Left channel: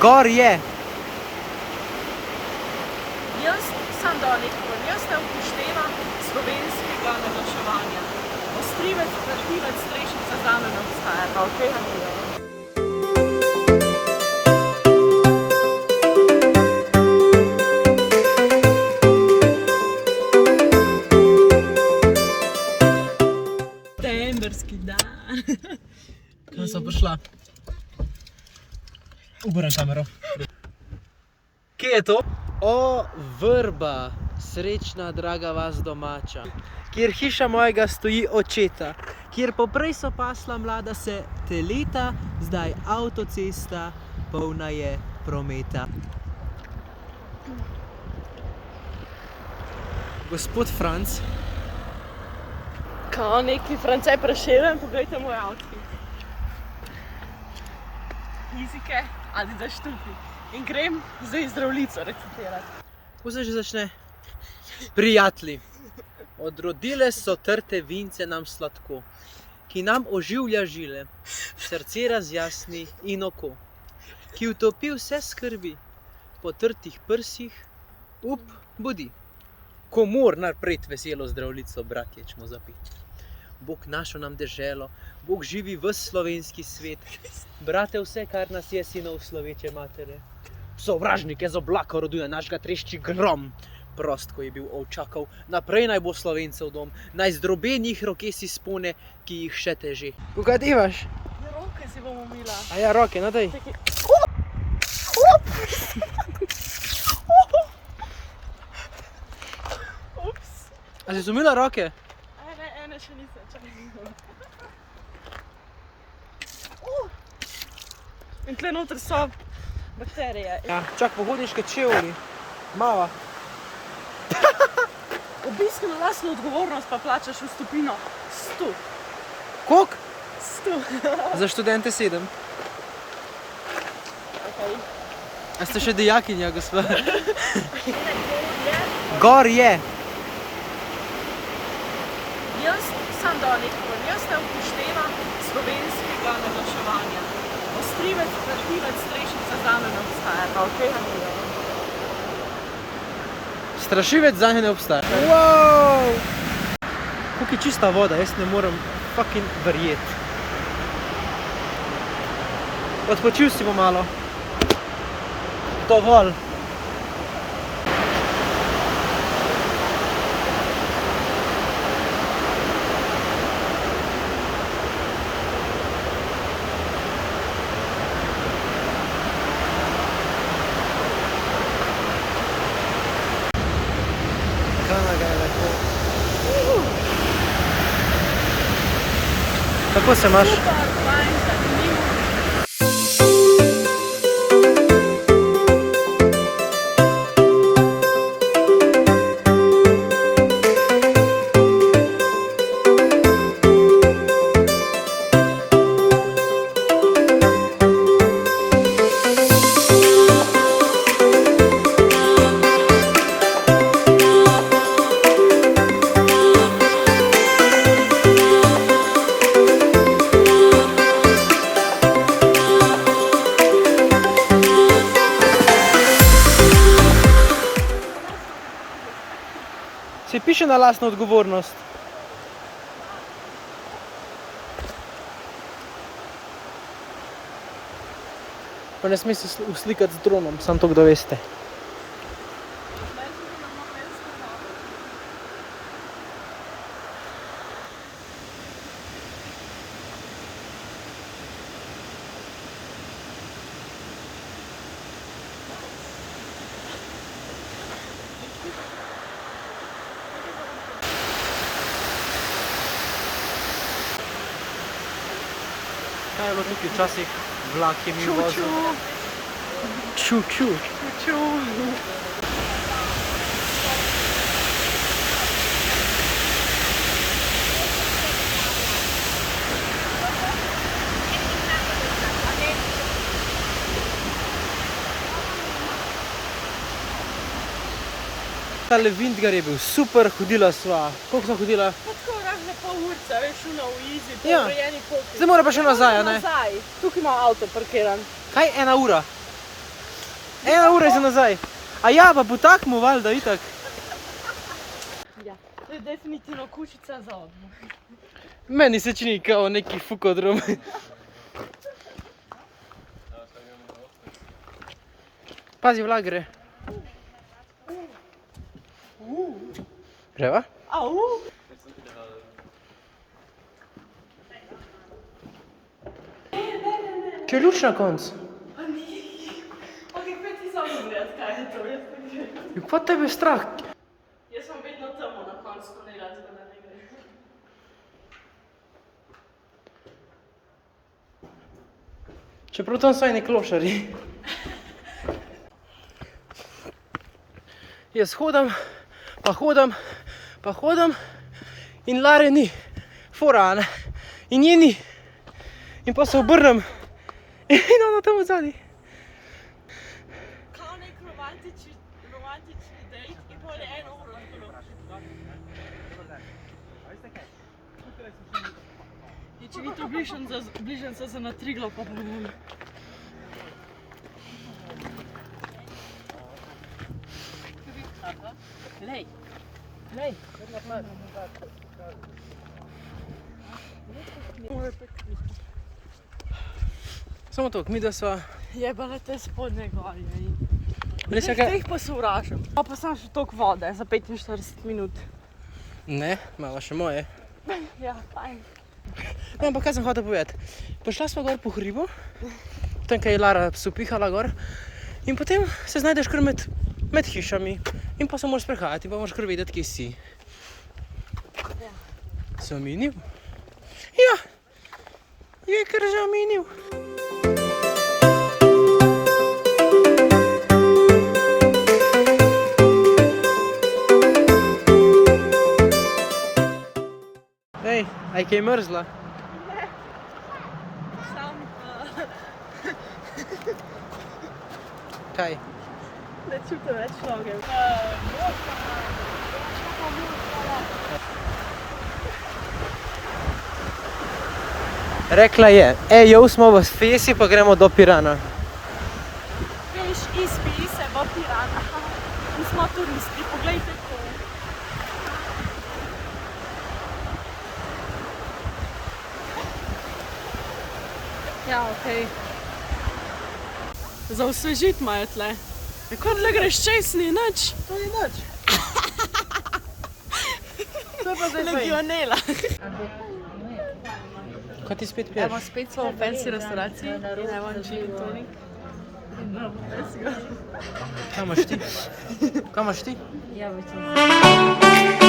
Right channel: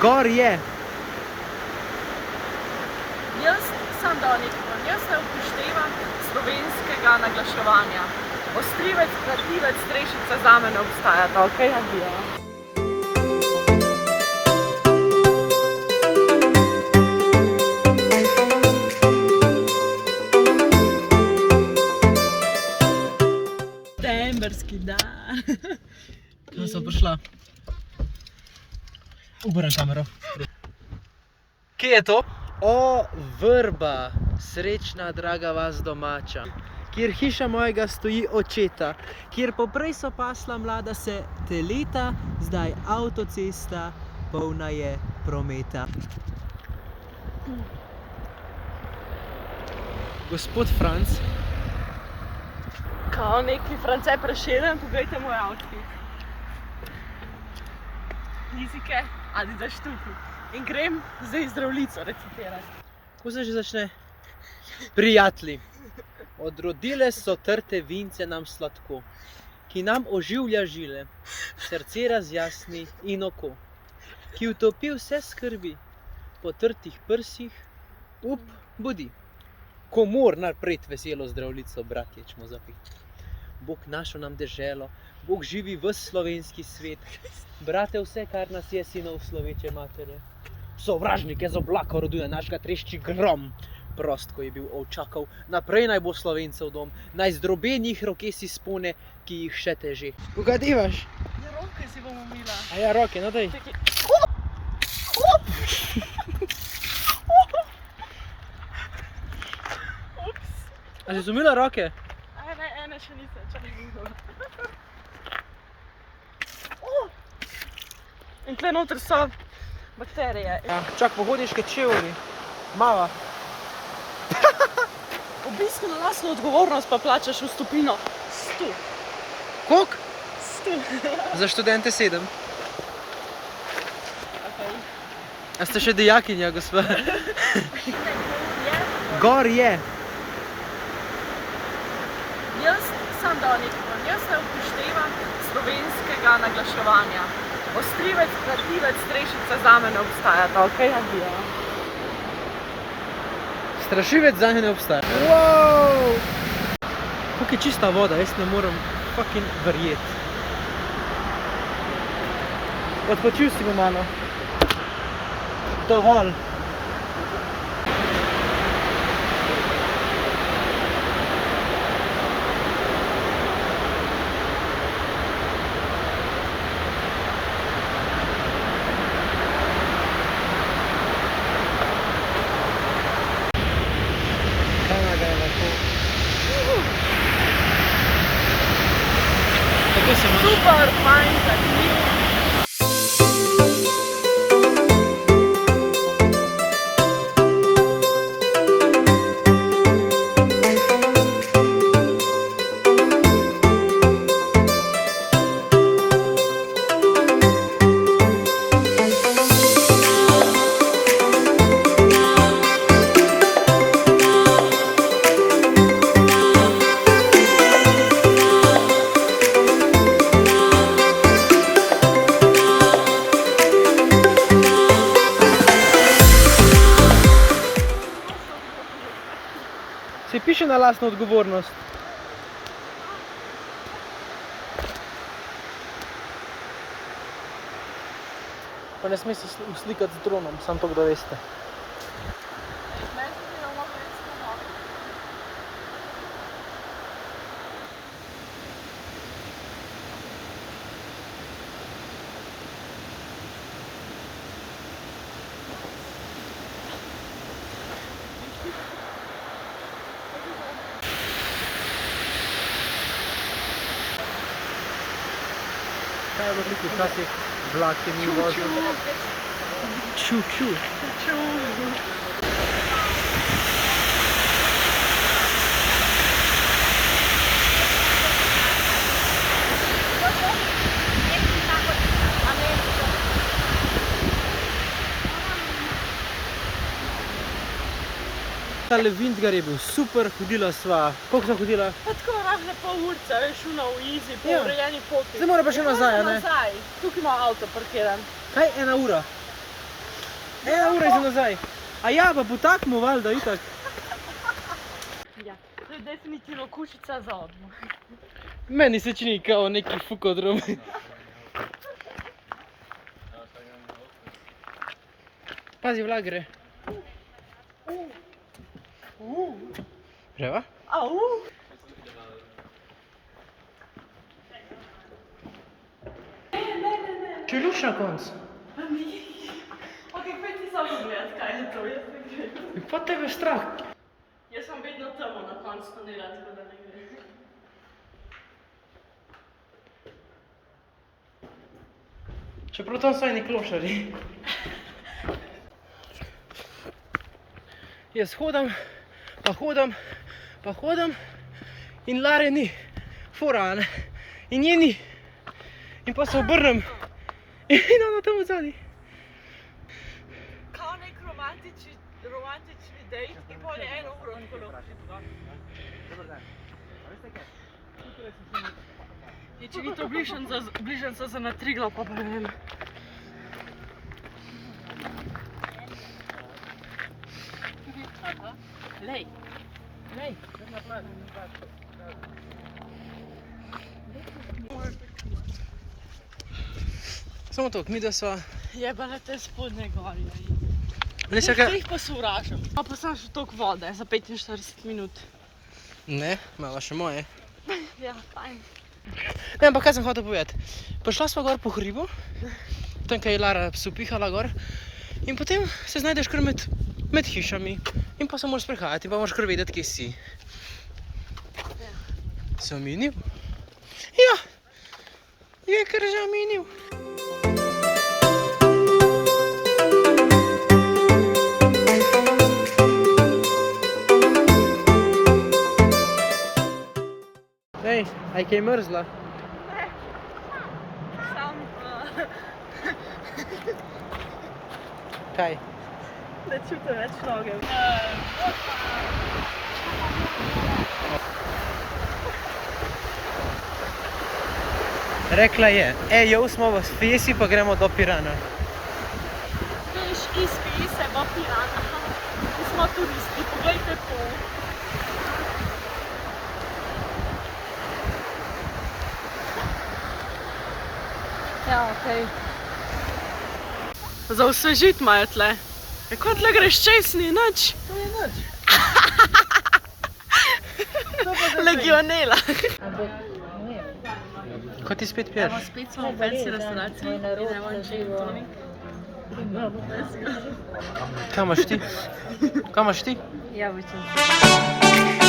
Gor je. Jaz sem dal nekaj, jaz ne upoštevam slovenskega naglaševanja. Ostrivec, krativec, strešica zame ne obstaja, pa okej, nagledamo. Septemberski dan. Kam sem prišla? Obrnem kamero. Kje je to? O, vrba, srečna, draga vas domača, kjer hiša mojega stoji očeta, kjer poprej so pasla mlada se teleta, zdaj avtocesta, polna je prometa. Gospod Franc. Kao neki France Prešeren, pogledajte moj outfit. Fizike, Adidas štuki. In grem zdaj zdravljico recitirati. Kako se že začne? Prijatelji, odrodile so trte vince nam sladko, ki nam oživlja žile, srce razjasni in oko, ki utopi vse skrbi, po trtih prsih, budi. Komor napred veselo zdravljico, bratje, čmo zapiti. Bog našo nam deželo, Bog živi v slovenski svet, brate, vse, kar nas je, sinov sloveče matere. Sovražnike z oblaka roduje našega trešči grom. Prost, ko je bil ovčakov, naprej naj bo Slovencev dom, naj zdrobenih roke si spone, ki jih še teže. Koga divaš? Ja, roke si bom umila. A ja, roke, no daj. A si umila roke? Ne, ene še nisem, čakaj umila. In tle noter so bakterije. Ja, čak pohodniške čevlji. Mava. Obisk na lastno odgovornost pa plačaš vstopnino 100. Koliko? 100. Za študente 7. Okay. A ste še dijakinja, gospod? Gor je. Gor je. Jaz sem dal nekaj, jaz ne upoštevam slovenskega naglaševanja. Ostrivec, krativec, strešica zame ne obstaja, pa okej, nagledamo. Strašivec zanje ne obstaja. Wow! Koliko je čista voda, jaz ne moram fucking verjeti. Odpočil si bo malo. Dovolj. Kanaga je lepo. Kako se imaš? Super, fajn, zanimiv. Se piše na lastno odgovornost. Pa ne sme se uslikati z dronom, samo to, kdo veste. Kaj je bilo tukaj včasih? Vlak je mi vozil. Ču-ču. Ču-ču. Tale Vintgar je bil super, hodila sva. Koliko sva hodila? Pa tako rahle pol urca, veš, v easy, po urejeni poti. Zdaj mora pa še nazaj, a ne? Nazaj, tukaj ima avto parkiran. Kaj, 1 ura? 1 ura za nazaj. A ja, pa potakmo valjda, itak. Ja, to je definitivno kućica za odmor. Meni se čini kao neki fukodrom. Pazi, vlak gre. Greva? Au! Če je luč na koncu. Ok, pojdi ti samo pogledat, kaj je to. Je pa tebe strah. Jaz sem vedno tamo na koncu, ko ne razgleda ne gre. Čeprav tam saj ne klošari. Jaz hodam, pa hodam, pa hodam in Lare ni. Fora, ne? In nje ni. In pa se obrnem in ona tam odzadi. Kao nek romantični dejt in pol je 1 uro tako in če ni to bližnjica za na Triglav, pa ne vem. Lej, lej. Samo to, mi da sva... Jebene te spodnje gorje. Ne, čakaj... Jih pa se uražam. Pa sem še toliko vode za 45 minut. Ne, malo še moje. Ja, fajn. Ne, ampak kaj sem hotel povedati. Prišla sva gor po hribu, tam kaj je Lara pihala gor, in potem se znajdeš kar med hišami in pa se moraš sprehajati in pa moraš kar vedeti, kje si. Zaminil? Ja, je kar zaminil. Ej, aj kaj mrzla? Ne. Sam... Kaj? Ne čutim več noge. Rekla je, jo smo v Fesi, pa gremo do Pirana. Veš, izpili se v Pirana. Mi smo turisti, poglejte to. Ja, okej. Za osvežit imajo tle. Kot le greš čez, ni nič. To ni nič. Legionela. Kaj ti spet piješ? Spet smo v fancy restauraciji. Evo, že Toni. Kaj imaš ti? Kaj imaš ti? Jabolčno.